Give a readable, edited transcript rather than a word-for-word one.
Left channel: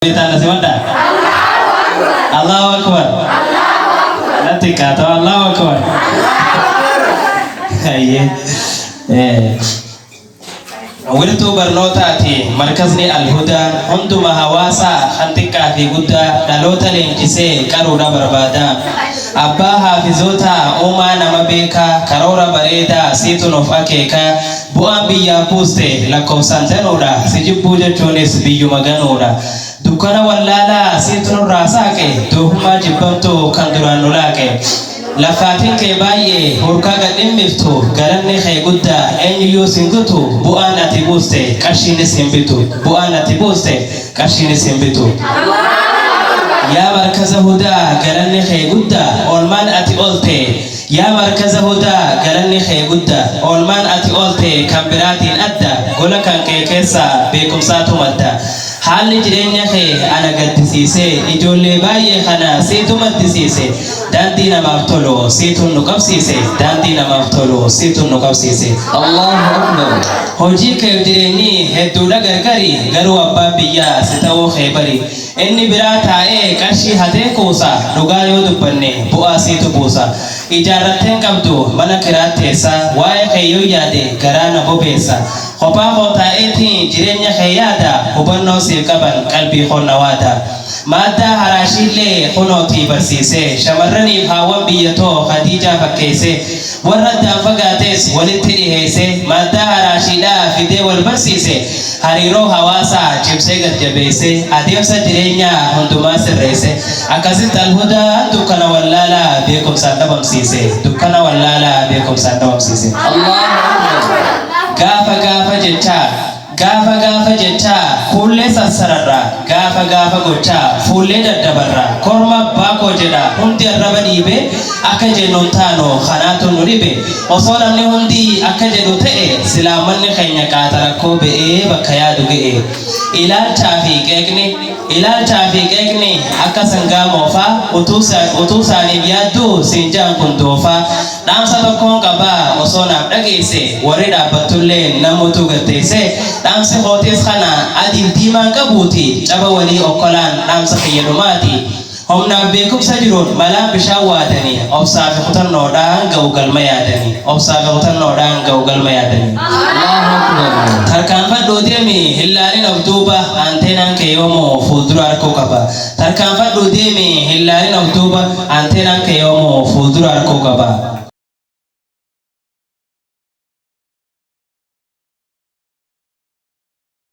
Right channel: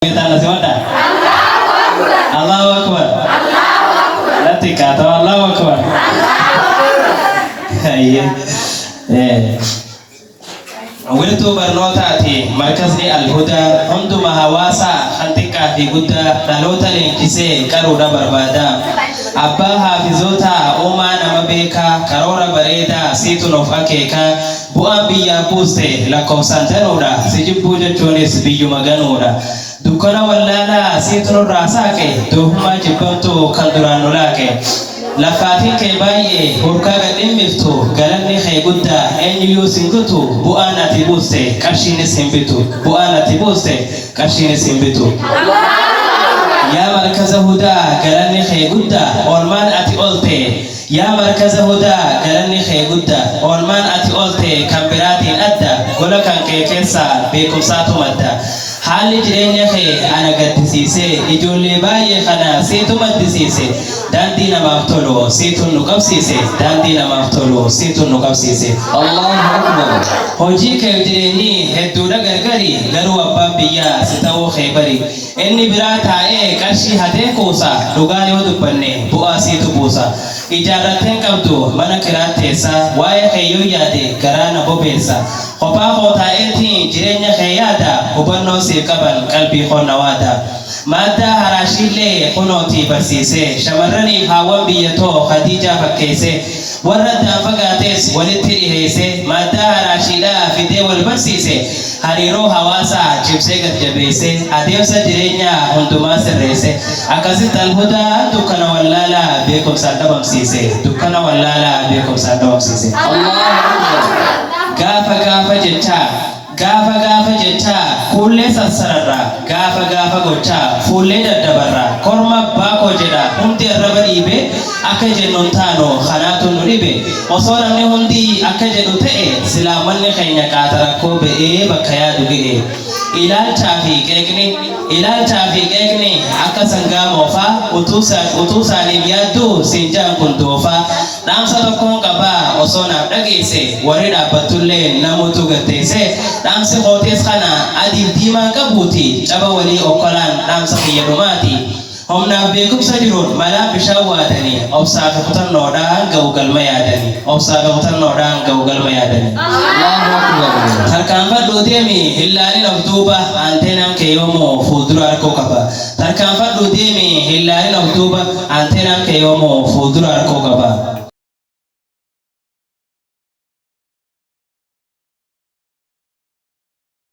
Kita semata. Allahu Akbar. Nanti kata Allahu Akbar. Iya. Wiritu barnotaati markazni alhuda hunduma hawasa hantika fi gudda dalota lenkise karuda barbada abba hafizota uma nama beka karora bareda situn of akeka bu'a biyya puste lakkoofsantanoodha sijibbu jechuunis biyyuma ganoodha dukkana wallaalaa situn irraa saaqe doofumaa jibbamtu kan duraan nolaaqe lafaatiin kee baay'ee hurkaa gadhimmiftu galanni kee guddaa eenyuyyuu singutu bu'aan ati buuste qarshiinis hin bitu bu'aan ati buuste qarshiinis hin bitu yaa markaza hudaa galanni kee guddaa oolmaan ati oolte yaa markaza hudaa galanni kee guddaa oolmaan ati oolte kan biraatiin adda gola kan kee keessaa beekumsaatu madda haalli jireenya kee ana gaddisiise ijoollee baay'ee kana siitu maddisiise daandii namaaf tolu situn nu qabsiise daandii namaaf tolu situn nu qabsiise Allahu Akbar hojii kee jireenyi hedduudha gargari garuu abbaan biyyaa si ta'uu kee bari inni biraa taa'ee qarshii hatee kuusa dhugaa yoo dubbanne bu'aa siitu buusa ijaarratteen qabdu mana kiraatteessa waa'ee kee yoo yaade garaa na bobeessa kophaa koo taa'eetiin jireenya kee yaada hubannoo siif qaban qalbii qonnawaada madda harashillee kunooti barsiise shamarraniif haawwan biyyatoo Khadija fakkeesse warra daafagaates walitti dhiheesse madda harashidhaa fidee wal barsiise hariiroo hawaasaa cimsee gad-jabeesse adeemsa jireenyaa hundumaa sirreesse akkasitti alhudaa dukkana wallaalaa beekumsaan dhabamsiise dukkana wallaalaa beekumsaan dhabamsiise gaafa jecha fuullee sassararra gaafa gocha fuullee daddabarra korma baakoo jedha hundi arraba dhiibe akka jennuun taano kanaatu nu dhibe osoo namni hundi akka jedhu ta'e silaamanni keenya qaatarakkoo be'ee bakka yaadu ga'e ilaalchaa fi qeeqni akka sangaa moofaa utuu isaaniif yaaddu sinjaan kun doofaa dhaamsa tokkoon qabaa osoo naaf dhageesse warri dhaabbattullee namuutu gatteesse dhaamsi kootees kana adiif diimaan qabuuti caba walii okkolaan dhaamsa fayyadamaati humnaaf beekumsa jiruun malaa bishaan waatanii obsaa fi kutannoodhaan ga'u galma yaadanii tarkaanfadhuu deemi hillaalin of duuba anteenaan kee yoomoo fuuldura harkoo qaba tarkaanfadhuu deemi hillaalin of duuba anteenaan kee yoomoo fuuldura harkoo qaba